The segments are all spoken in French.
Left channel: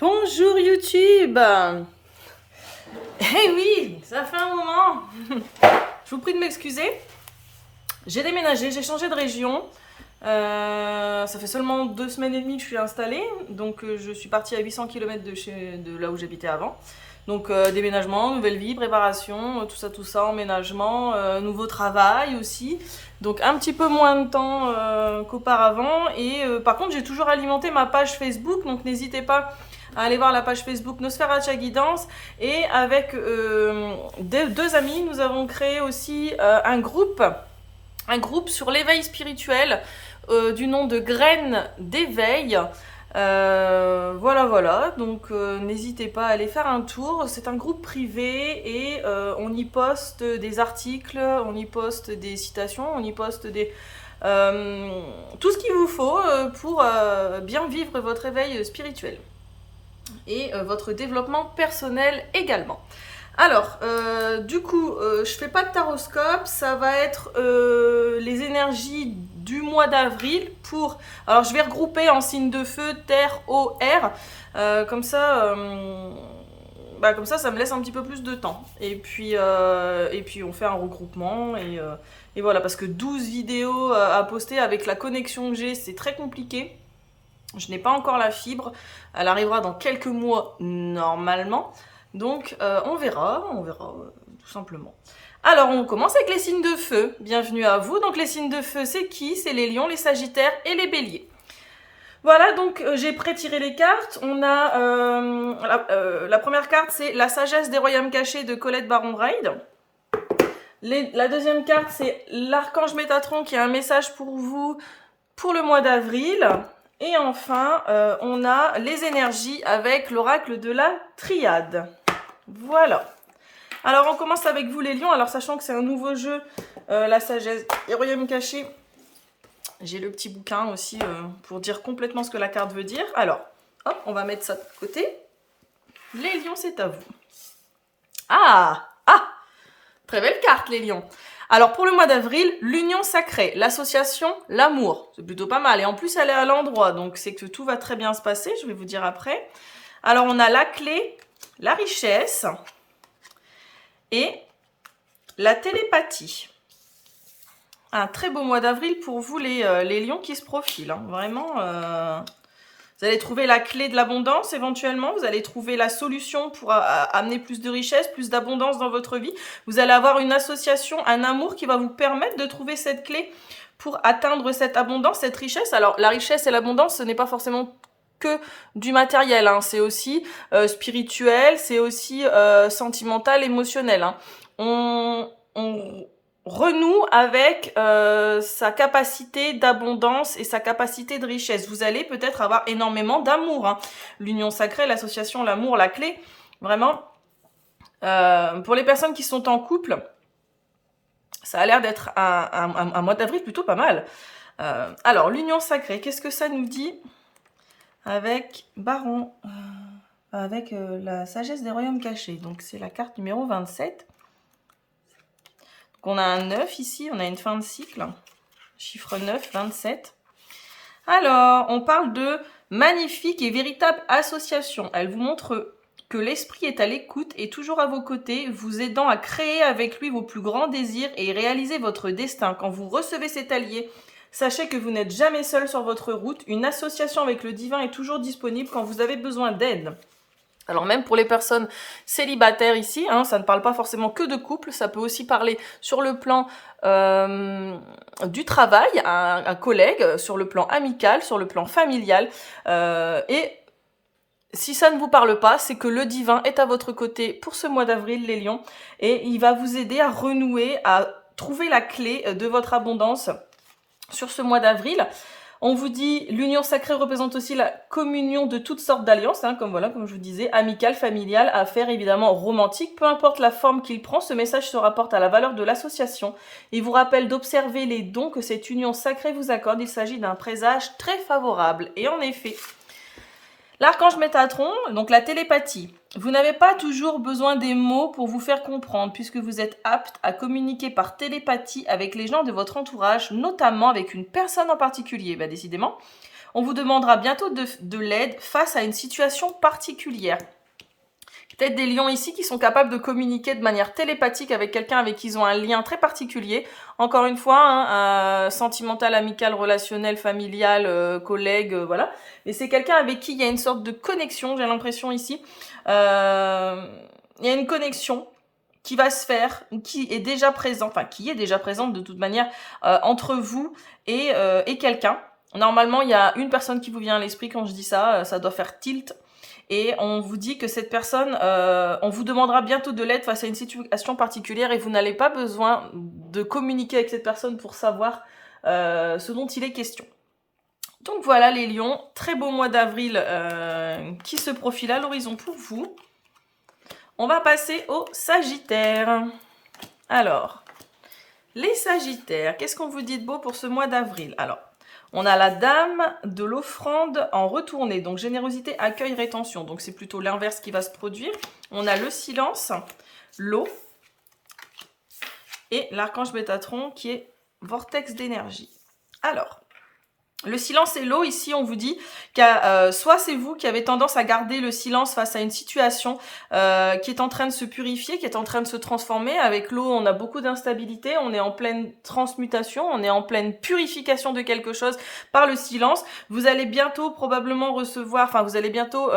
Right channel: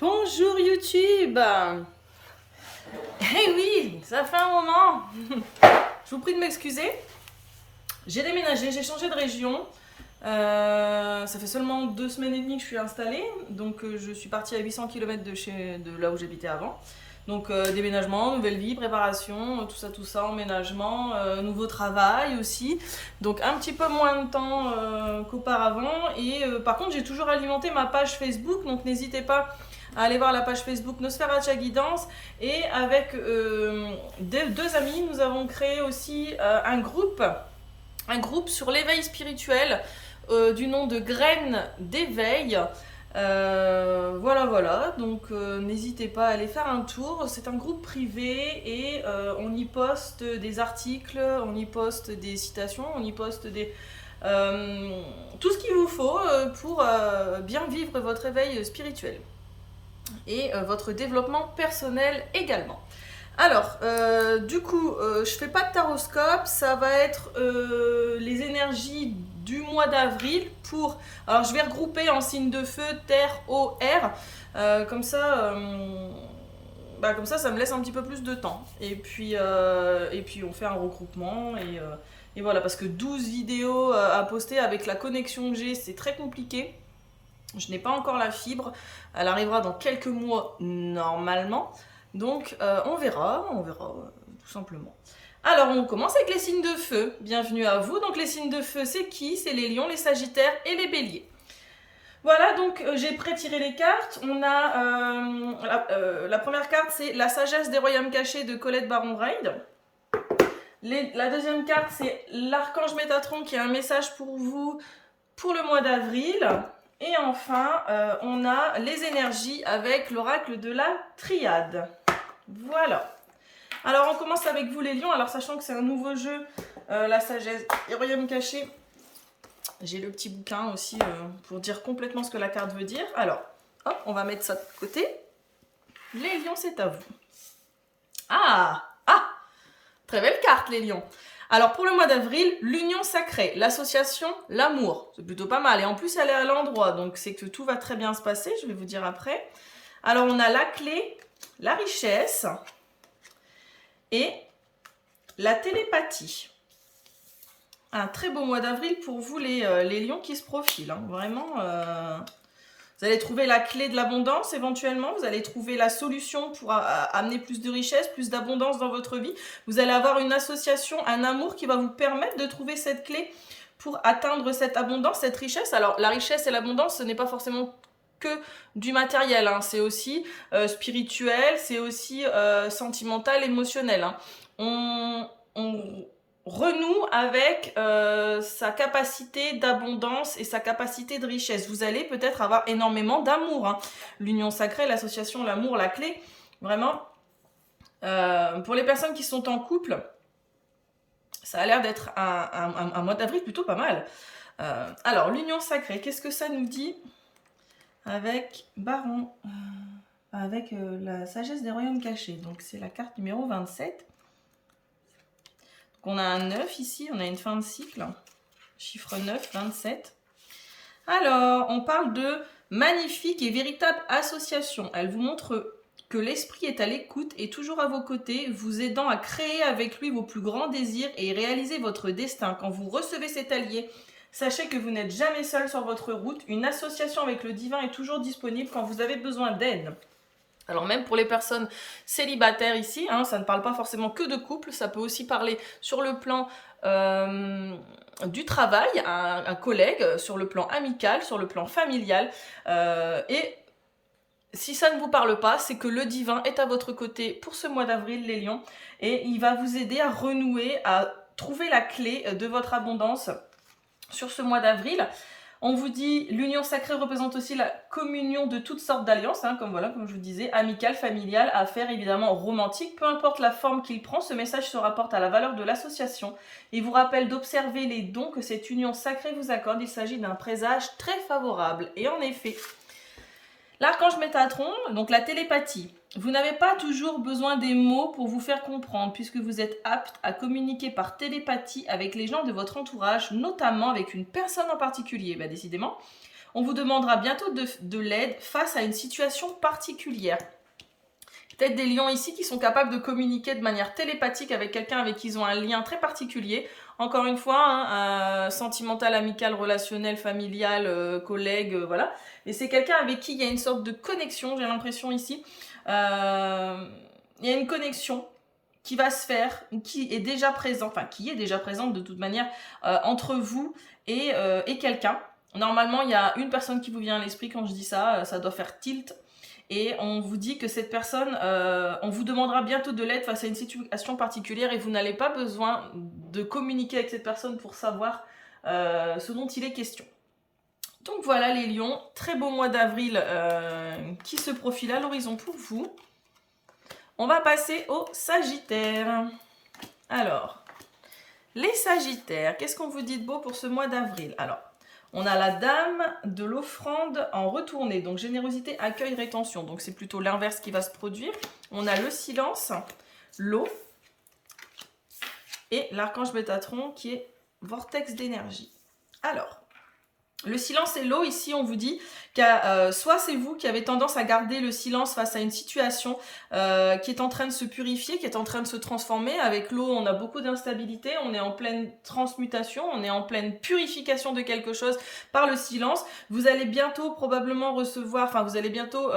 Bonjour YouTube. Eh oui, ça fait un moment. Je vous prie de m'excuser. J'ai déménagé, j'ai changé de région. Ça fait seulement 2 semaines et demie que je suis installée. Donc je suis partie à 800 km de là où j'habitais avant. Donc déménagement, nouvelle vie, préparation, tout ça, emménagement, nouveau travail aussi. Donc un petit peu moins de temps qu'auparavant. Et par contre, j'ai toujours alimenté ma page Facebook. Donc n'hésitez pas à aller voir la page Facebook Nosferatu Guidance. Et avec deux amis, nous avons créé aussi un groupe sur l'éveil spirituel du nom de Graines d'éveil. Voilà. Donc n'hésitez pas à aller faire un tour. C'est un groupe privé et on y poste des articles, on y poste des citations, on y poste tout ce qu'il vous faut pour bien vivre votre éveil spirituel et votre développement personnel également. Alors, je fais pas de taroscope, ça va être les énergies du mois d'avril pour... Alors, je vais regrouper en signes de feu, terre, eau, air, comme ça, ça me laisse un petit peu plus de temps. Et puis on fait un regroupement et voilà, parce que 12 vidéos à poster avec la connexion que j'ai, c'est très compliqué. Je n'ai pas encore la fibre, elle arrivera dans quelques mois normalement. Donc on verra, tout simplement. Alors on commence avec les signes de feu. Bienvenue à vous. Donc les signes de feu, c'est qui? C'est les lions, les sagittaires et les béliers. Voilà, donc j'ai pré-tiré les cartes. On a la première carte, c'est la sagesse des royaumes cachés de Colette Baron-Ride. La deuxième carte, c'est l'archange Métatron qui a un message pour vous pour le mois d'avril. Et enfin, on a les énergies avec l'oracle de la triade. Voilà. Alors, on commence avec vous les lions. Alors, sachant que c'est un nouveau jeu, la sagesse et royaume caché, j'ai le petit bouquin aussi pour dire complètement ce que la carte veut dire. Alors, hop, on va mettre ça de côté. Les lions, c'est à vous. Ah, très belle carte, les lions. Alors pour le mois d'avril, l'union sacrée, l'association, l'amour. C'est plutôt pas mal. Et en plus, elle est à l'endroit, donc c'est que tout va très bien se passer, je vais vous dire après. Alors on a la clé, la richesse et la télépathie. Un très beau mois d'avril pour vous les lions qui se profilent. Hein. Vraiment, vous allez trouver la clé de l'abondance éventuellement. Vous allez trouver la solution pour amener plus de richesse, plus d'abondance dans votre vie. Vous allez avoir une association, un amour qui va vous permettre de trouver cette clé pour atteindre cette abondance, cette richesse. Alors la richesse et l'abondance, ce n'est pas forcément que du matériel. Hein. C'est aussi spirituel, c'est aussi sentimental, émotionnel. Hein. On renoue avec sa capacité d'abondance et sa capacité de richesse. Vous allez peut-être avoir énormément d'amour. Hein. L'union sacrée, l'association, l'amour, la clé. Vraiment, pour les personnes qui sont en couple, ça a l'air d'être un mois d'avril plutôt pas mal. Alors, l'union sacrée, qu'est-ce que ça nous dit avec Baron, avec la sagesse des royaumes cachés. Donc, c'est la carte numéro 27. On a un 9 ici, on a une fin de cycle, chiffre 9, 27. Alors, on parle de magnifique et véritable association. Elle vous montre que l'esprit est à l'écoute et toujours à vos côtés, vous aidant à créer avec lui vos plus grands désirs et réaliser votre destin. Quand vous recevez cet allié, sachez que vous n'êtes jamais seul sur votre route. Une association avec le divin est toujours disponible quand vous avez besoin d'aide. Alors même pour les personnes célibataires ici, hein, ça ne parle pas forcément que de couple, ça peut aussi parler sur le plan du travail, un collègue, sur le plan amical, sur le plan familial. Et si ça ne vous parle pas, c'est que le divin est à votre côté pour ce mois d'avril, les lions, et il va vous aider à renouer, à trouver la clé de votre abondance sur ce mois d'avril. On vous dit, l'union sacrée représente aussi la communion de toutes sortes d'alliances, hein, comme je vous disais, amicales, familiales, affaires, évidemment romantiques. Peu importe la forme qu'il prend, ce message se rapporte à la valeur de l'association et vous rappelle d'observer les dons que cette union sacrée vous accorde. Il s'agit d'un présage très favorable. Et en effet, l'archange Métatron, donc la télépathie. Vous n'avez pas toujours besoin des mots pour vous faire comprendre, puisque vous êtes apte à communiquer par télépathie avec les gens de votre entourage, notamment avec une personne en particulier. Décidément, On vous demandera bientôt de l'aide face à une situation particulière. Peut-être des lions ici qui sont capables de communiquer de manière télépathique avec quelqu'un avec qui ils ont un lien très particulier. Encore une fois, hein, sentimental, amical, relationnel, familial, collègue, voilà. Mais c'est quelqu'un avec qui il y a une sorte de connexion, j'ai l'impression ici. Il y a une connexion qui va se faire, qui est déjà présente, enfin qui est déjà présente de toute manière entre vous et quelqu'un. Normalement, il y a une personne qui vous vient à l'esprit quand je dis ça, ça doit faire tilt. Et on vous dit que cette personne, on vous demandera bientôt de l'aide face à une situation particulière et vous n'avez pas besoin de communiquer avec cette personne pour savoir ce dont il est question. Donc voilà les lions, très beau mois d'avril qui se profile à l'horizon pour vous. On va passer aux sagittaires. Alors, les sagittaires, qu'est-ce qu'on vous dit de beau pour ce mois d'avril? Alors, on a la dame de l'offrande en retournée, donc générosité, accueil, rétention. Donc c'est plutôt l'inverse qui va se produire. On a le silence, l'eau et l'archange Métatron qui est vortex d'énergie. Alors, le silence et l'eau, ici, on vous dit que soit c'est vous qui avez tendance à garder le silence face à une situation qui est en train de se purifier, qui est en train de se transformer. Avec l'eau, on a beaucoup d'instabilité, on est en pleine transmutation, on est en pleine purification de quelque chose par le silence. Vous allez bientôt probablement recevoir, enfin vous allez bientôt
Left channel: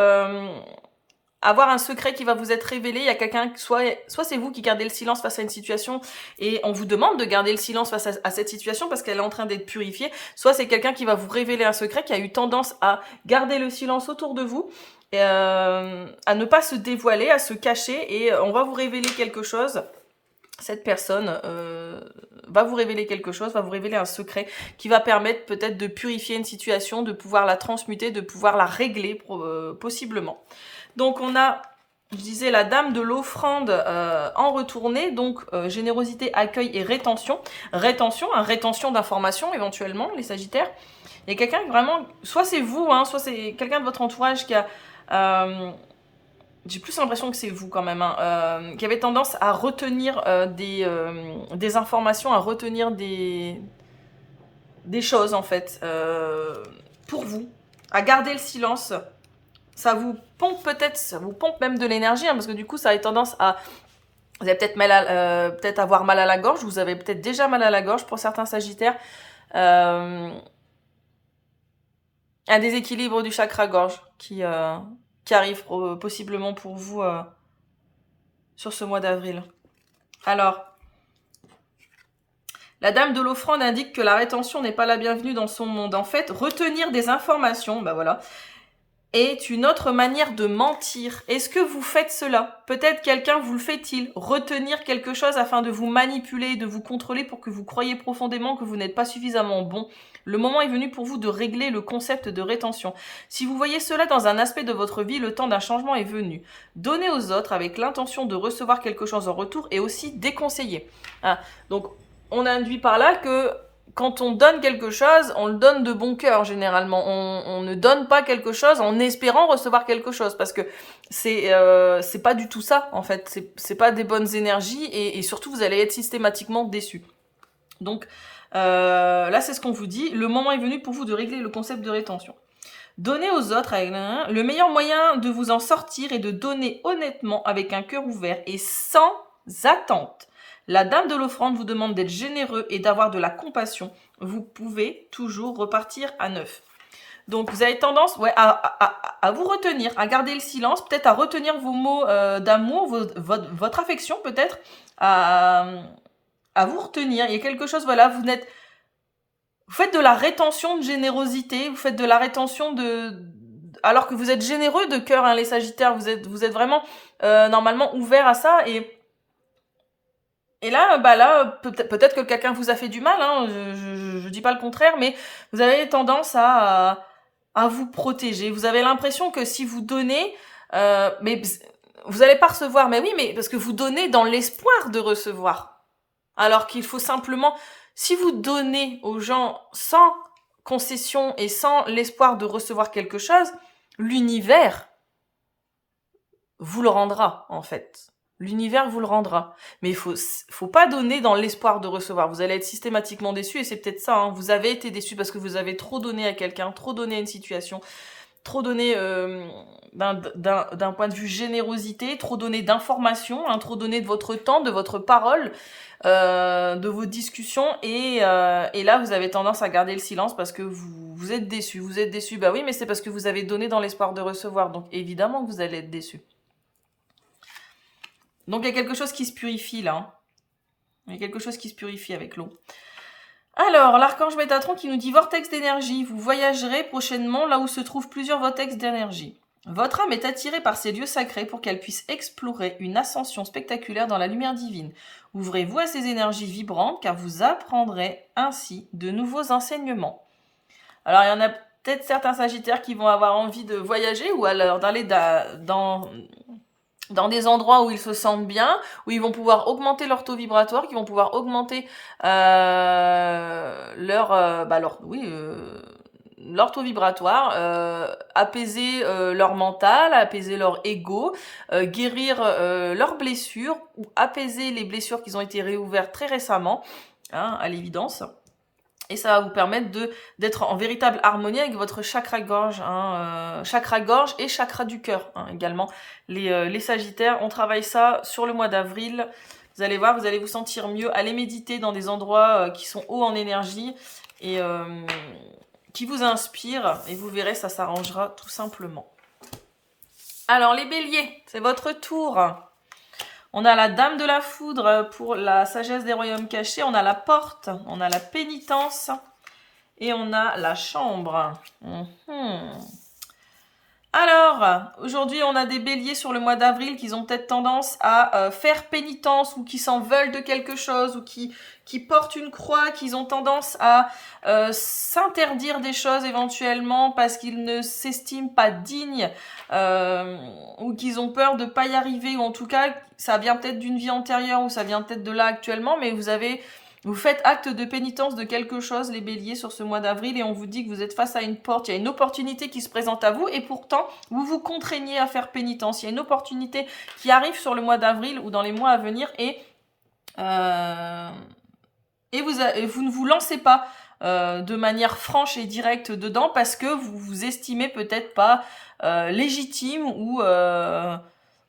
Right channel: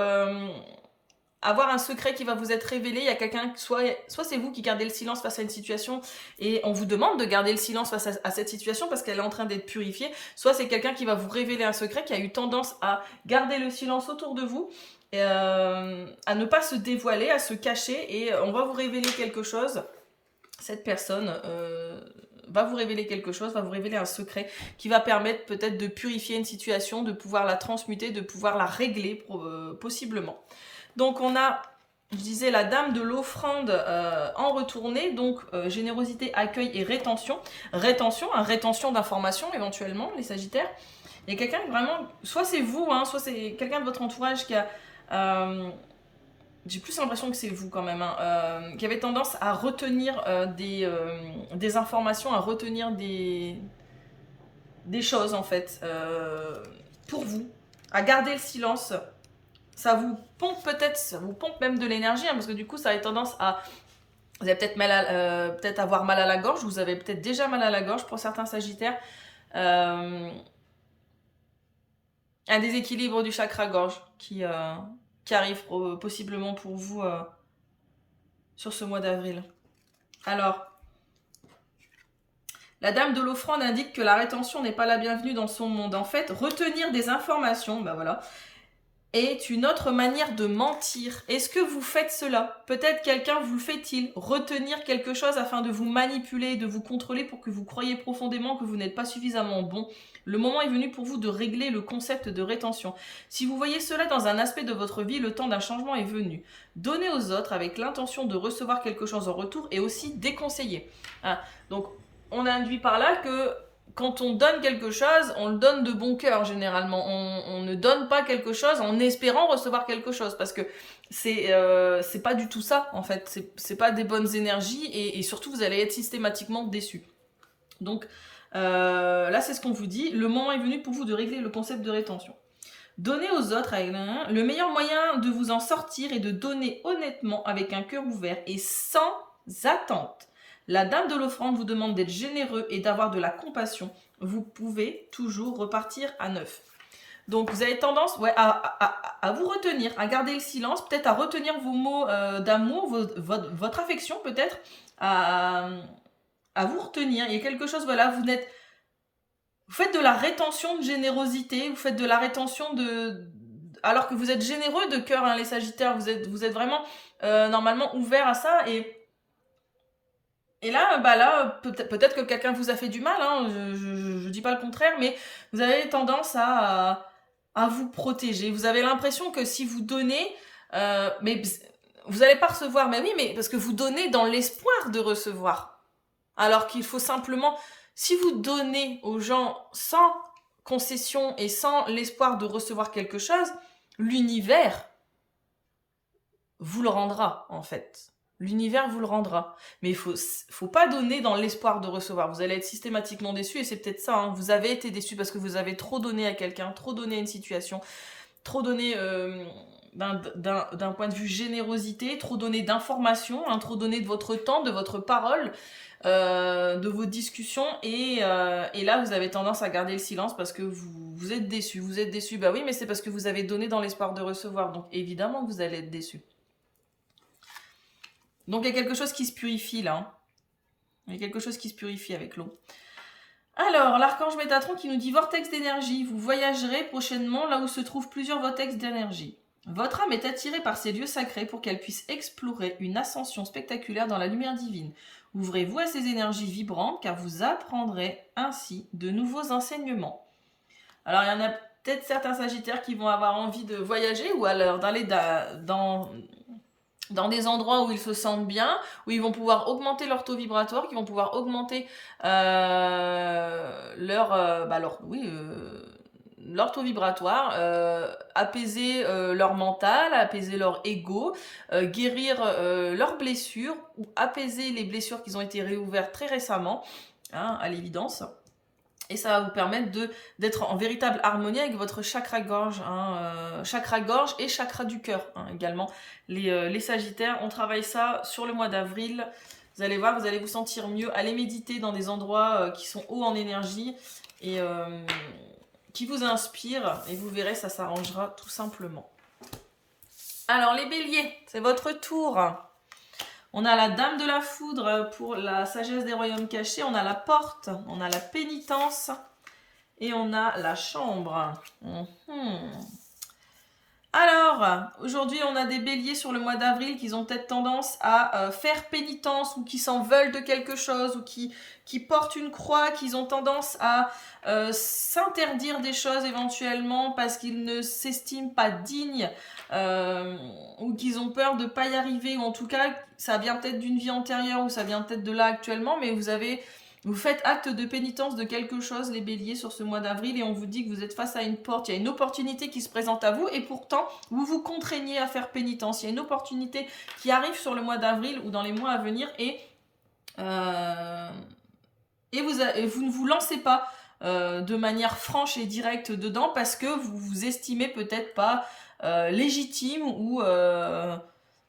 avoir un secret qui va vous être révélé. Il y a quelqu'un, soit c'est vous qui gardez le silence face à une situation et on vous demande de garder le silence face à cette situation parce qu'elle est en train d'être purifiée, soit c'est quelqu'un qui va vous révéler un secret, qui a eu tendance à garder le silence autour de vous, et, à ne pas se dévoiler, à se cacher, et on va vous révéler quelque chose. Cette personne va vous révéler quelque chose, va vous révéler un secret qui va permettre peut-être de purifier une situation, de pouvoir la transmuter, de pouvoir la régler possiblement. Donc on a, je disais, la dame de l'offrande en retournée, donc générosité, accueil et rétention. Rétention d'informations éventuellement, les sagittaires. Il y a quelqu'un vraiment, soit c'est vous, hein, soit c'est quelqu'un de votre entourage qui a... j'ai plus l'impression que c'est vous quand même, hein, qui avait tendance à retenir des informations, à retenir des choses en fait, pour vous, à garder le silence. Ça vous pompe peut-être, ça vous pompe même de l'énergie, hein, parce que du coup, ça a tendance à... Vous allez peut-être peut-être avoir mal à la gorge, vous avez peut-être déjà mal à la gorge pour certains sagittaires. Un déséquilibre du chakra-gorge qui arrive possiblement pour vous sur ce mois d'avril. Alors, la dame de l'offrande indique que la rétention n'est pas la bienvenue dans son monde. En fait, retenir des informations, ben voilà, est une autre manière de mentir. Est-ce que vous faites cela? Peut-être quelqu'un vous le fait-il? Retenir quelque chose afin de vous manipuler, de vous contrôler pour que vous croyiez profondément que vous n'êtes pas suffisamment bon. Le moment est venu pour vous de régler le concept de rétention. Si vous voyez cela dans un aspect de votre vie, le temps d'un changement est venu. Donner aux autres avec l'intention de recevoir quelque chose en retour est aussi déconseillé. Ah, donc, on induit par là que quand on donne quelque chose, on le donne de bon cœur généralement. On ne donne pas quelque chose en espérant recevoir quelque chose parce que c'est pas du tout ça en fait. C'est pas des bonnes énergies et surtout vous allez être systématiquement déçus. Donc là c'est ce qu'on vous dit. Le moment est venu pour vous de régler le concept de rétention. Donner aux autres, le meilleur moyen de vous en sortir est de donner honnêtement avec un cœur ouvert et sans attente. La dame de l'offrande vous demande d'être généreux et d'avoir de la compassion. Vous pouvez toujours repartir à neuf. Donc vous avez tendance à vous retenir, à garder le silence, peut-être à retenir vos mots d'amour, votre affection peut-être, à vous retenir. Il y a quelque chose, voilà, vous faites de la rétention de générosité, vous faites de la rétention alors que vous êtes généreux de cœur, hein, les sagittaires, vous êtes vraiment normalement ouverts à ça et là, peut-être que quelqu'un vous a fait du mal, hein, je dis pas le contraire, mais vous avez tendance à vous protéger. Vous avez l'impression que si vous donnez, mais vous n'allez pas recevoir. Mais oui, mais parce que vous donnez dans l'espoir de recevoir. Alors qu'il faut simplement, si vous donnez aux gens sans concession et sans l'espoir de recevoir quelque chose, l'univers vous le rendra, en fait. L'univers vous le rendra. Mais il faut pas donner dans l'espoir de recevoir. Vous allez être systématiquement déçu et c'est peut-être ça. Hein. Vous avez été déçu parce que vous avez trop donné à quelqu'un, trop donné à une situation, trop donné d'un point de vue générosité, trop donné d'informations, hein, trop donné de votre temps, de votre parole, de vos discussions. Et là, vous avez tendance à garder le silence parce que vous êtes déçu. Vous êtes déçu. Bah oui, mais c'est parce que vous avez donné dans l'espoir de recevoir. Donc évidemment que vous allez être déçu. Donc il y a quelque chose qui se purifie là. Hein. Il y a quelque chose qui se purifie avec l'eau. Alors, l'archange Métatron qui nous dit vortex d'énergie. Vous voyagerez prochainement là où se trouvent plusieurs vortex d'énergie. Votre âme est attirée par ces lieux sacrés pour qu'elle puisse explorer une ascension spectaculaire dans la lumière divine. Ouvrez-vous à ces énergies vibrantes car vous apprendrez ainsi de nouveaux enseignements. Alors, il y en a peut-être certains sagittaires qui vont avoir envie de voyager ou alors d'aller dans des endroits où ils se sentent bien, où ils vont pouvoir augmenter leur taux vibratoire, qui vont pouvoir augmenter leur taux vibratoire, apaiser leur mental, apaiser leur ego, guérir leurs blessures, ou apaiser les blessures qui ont été réouvertes très récemment, hein, à l'évidence. Et ça va vous permettre d'être en véritable harmonie avec votre chakra-gorge, hein, chakra-gorge et chakra du cœur, hein, également. Les sagittaires, on travaille ça sur le mois d'avril. Vous allez voir, vous allez vous sentir mieux. Allez méditer dans des endroits qui sont hauts en énergie et qui vous inspirent. Et vous verrez, ça s'arrangera tout simplement. Alors, les béliers, c'est votre tour. On a la dame de la foudre pour la sagesse des royaumes cachés. On a la porte, on a la pénitence et on a la chambre. Alors, aujourd'hui, on a des béliers sur le mois d'avril qui ont peut-être tendance à faire pénitence ou qui s'en veulent de quelque chose ou qui portent une croix, qui ont tendance à s'interdire des choses éventuellement parce qu'ils ne s'estiment pas dignes ou qu'ils ont peur de ne pas y arriver, ou en tout cas, ça vient peut-être d'une vie antérieure ou ça vient peut-être de là actuellement, mais vous faites acte de pénitence de quelque chose, les béliers, sur ce mois d'avril, et on vous dit que vous êtes face à une porte, il y a une opportunité qui se présente à vous, et pourtant, vous vous contraignez à faire pénitence. Il y a une opportunité qui arrive sur le mois d'avril ou dans les mois à venir, et vous ne vous lancez pas de manière franche et directe dedans parce que vous vous estimez peut-être pas légitime ou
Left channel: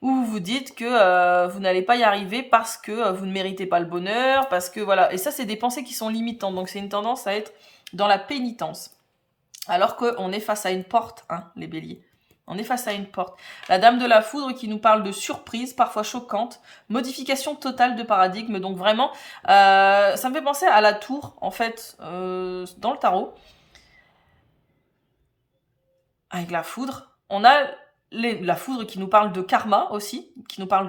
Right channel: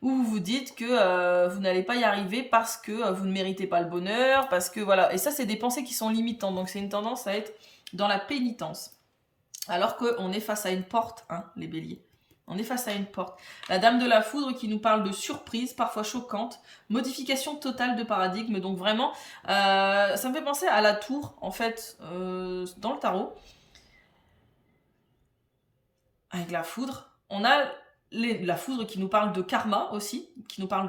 vous vous dites que vous n'allez pas y arriver parce que vous ne méritez pas le bonheur, parce que voilà. Et ça, c'est des pensées qui sont limitantes. Donc, c'est une tendance à être dans la pénitence. Alors qu'on est face à une porte, hein, les béliers. On est face à une porte. La dame de la foudre qui nous parle de surprise, parfois choquante, modification totale de paradigme. Donc vraiment, ça me fait penser à la tour, en fait, dans le tarot. Avec la foudre. On a la foudre qui nous parle de karma aussi, qui nous parle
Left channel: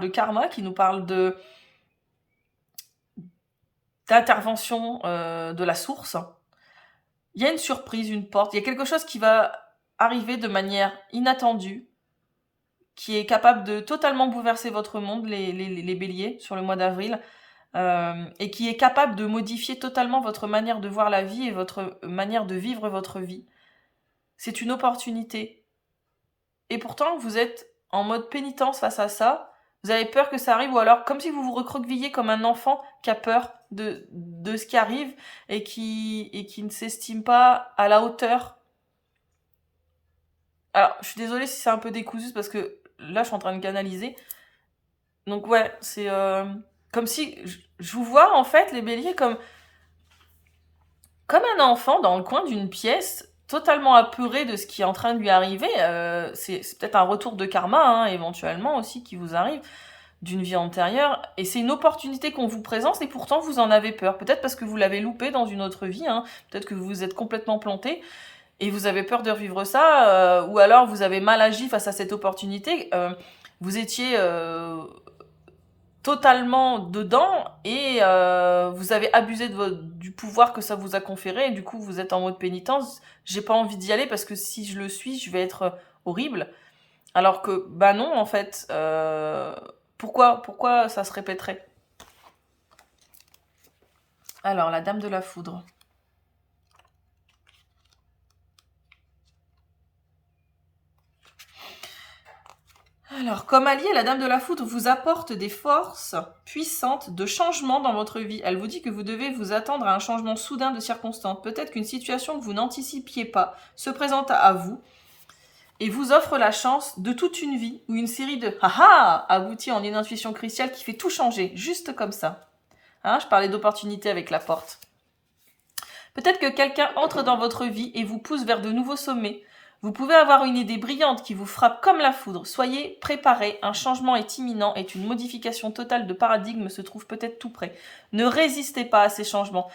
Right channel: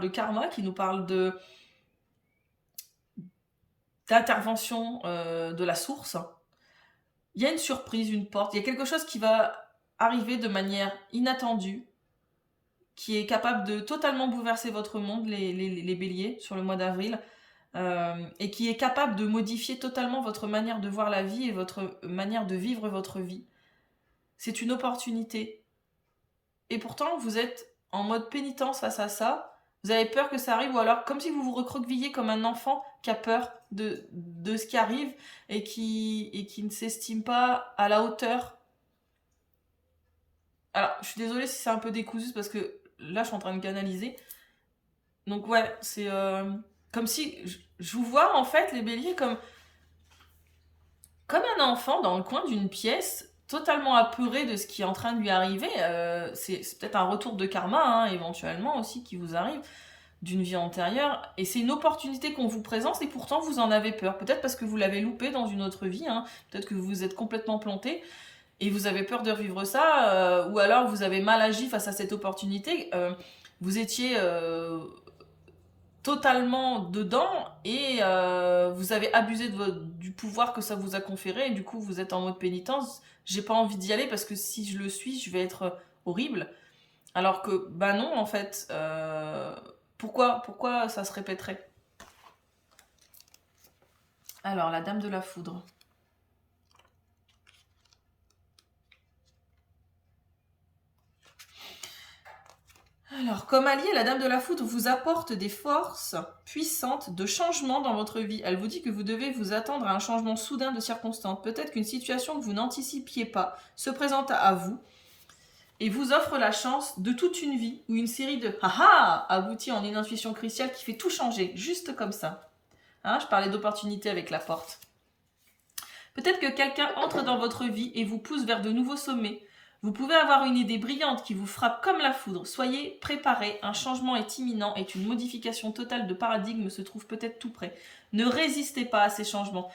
d'intervention de la source. Il y a une surprise, une porte, il y a quelque chose qui va arriver de manière inattendue, qui est capable de totalement bouleverser votre monde, les béliers, sur le mois d'avril, et qui est capable de modifier totalement votre manière de voir la vie et votre manière de vivre votre vie. C'est une opportunité. Et pourtant, vous êtes en mode pénitence face à ça. Vous avez peur que ça arrive, ou alors comme si vous vous recroquevillez comme un enfant qui a peur de ce qui arrive et qui ne s'estime pas à la hauteur. Alors, je suis désolée si c'est un peu décousu parce que là, je suis en train de canaliser. Donc ouais, c'est comme si je vous vois en fait les béliers comme un enfant dans le coin d'une pièce, totalement apeuré de ce qui est en train de lui arriver. C'est peut-être un retour de karma, hein, éventuellement aussi, qui vous arrive d'une vie antérieure. Et c'est une opportunité qu'on vous présente et pourtant vous en avez peur. Peut-être parce que vous l'avez loupé dans une autre vie, hein. Peut-être que vous vous êtes complètement planté et vous avez peur de revivre ça, ou alors vous avez mal agi face à cette opportunité. Vous étiez totalement dedans et vous avez abusé du pouvoir que ça vous a conféré et du coup vous êtes en mode pénitence. J'ai pas envie d'y aller parce que si je le suis, je vais être horrible. Alors que, bah non, en fait, pourquoi ça se répéterait? Alors, la dame de la foudre. Alors, comme allié, la Dame de la Foudre vous apporte des forces puissantes de changement dans votre vie. Elle vous dit que vous devez vous attendre à un changement soudain de circonstances. Peut-être qu'une situation que vous n'anticipiez pas se présente à vous et vous offre la chance de toute une vie où une série de haha aboutit en une intuition cruciale qui fait tout changer, juste comme ça. Hein, je parlais d'opportunité avec la porte. Peut-être que quelqu'un entre dans votre vie et vous pousse vers de nouveaux sommets. Vous pouvez avoir une idée brillante qui vous frappe comme la foudre. Soyez préparés, un changement est imminent et une modification totale de paradigme se trouve peut-être tout près. Ne résistez pas à ces changements,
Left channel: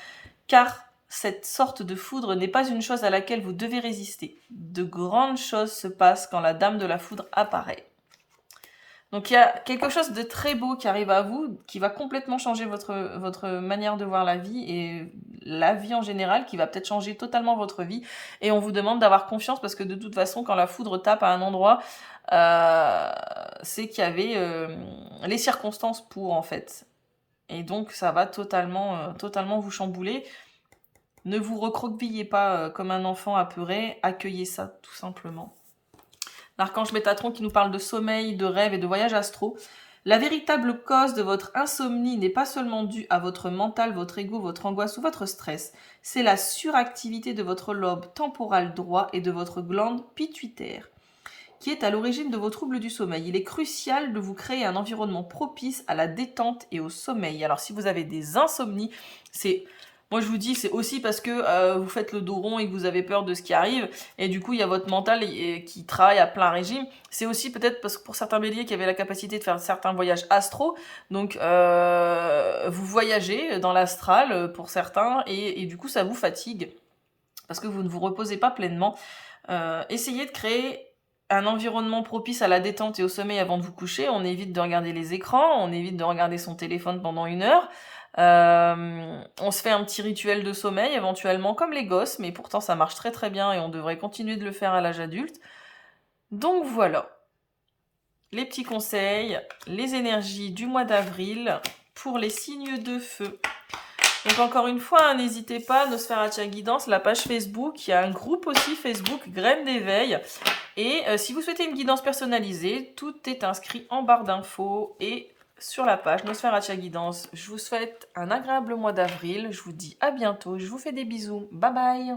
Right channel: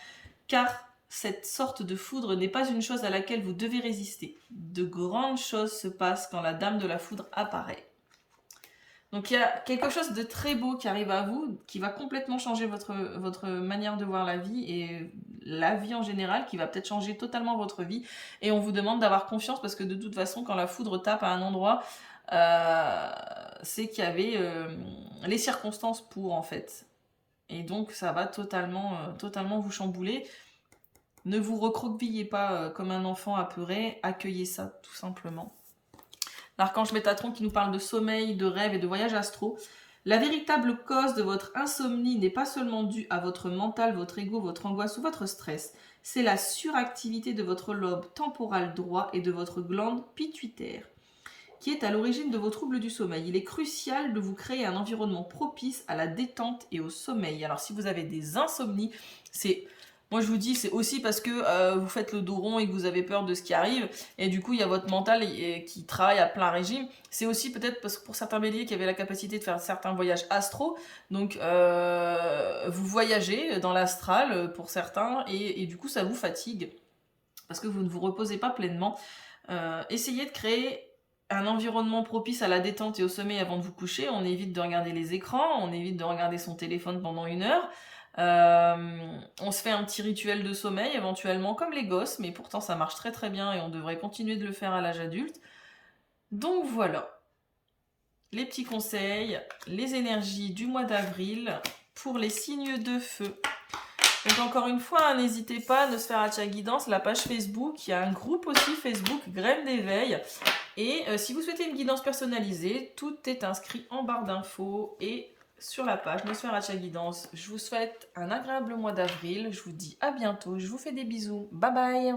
car cette sorte de foudre n'est pas une chose à laquelle vous devez résister. De grandes choses se passent quand la Dame de la Foudre apparaît. Donc il y a quelque chose de très beau qui arrive à vous, qui va complètement changer votre manière de voir la vie et la vie en général, qui va peut-être changer totalement votre vie. Et on vous demande d'avoir confiance parce que de toute façon, quand la foudre tape à un endroit, c'est qu'il y avait les circonstances pour en fait. Et donc ça va totalement vous chambouler. Ne vous recroquevillez pas comme un enfant apeuré, accueillez ça tout simplement. L'archange Métatron qui nous parle de sommeil, de rêve et de voyage astro. La véritable cause de votre insomnie n'est pas seulement due à votre mental, votre ego, votre angoisse ou votre stress. C'est la suractivité de votre lobe temporal droit et de votre glande pituitaire qui est à l'origine de vos troubles du sommeil. Il est crucial de vous créer un environnement propice à la détente et au sommeil. Alors si vous avez des insomnies, moi je vous dis, c'est aussi parce que vous faites le dos rond et que vous avez peur de ce qui arrive, et du coup il y a votre mental qui travaille à plein régime. C'est aussi peut-être parce que pour certains béliers qui avaient la capacité de faire certains voyages astro, donc vous voyagez dans l'astral pour certains, et du coup ça vous fatigue, parce que vous ne vous reposez pas pleinement. Essayez de créer un environnement propice à la détente et au sommeil avant de vous coucher. On évite de regarder les écrans, on évite de regarder son téléphone pendant 1 heure. On se fait un petit rituel de sommeil éventuellement comme les gosses, mais pourtant ça marche très très bien et on devrait continuer de le faire à l'âge adulte. Donc voilà, les petits conseils, les énergies du mois d'avril pour les signes de feu. Donc encore une fois, n'hésitez pas, Nosferatu Guidance, la page Facebook, il y a un groupe aussi Facebook, Graines d'éveil. Et si vous souhaitez une guidance personnalisée, tout est inscrit en barre d'infos et sur la page Nosferatu Guidance. Je vous souhaite un agréable mois d'avril, je vous dis à bientôt, je vous fais des bisous, bye bye.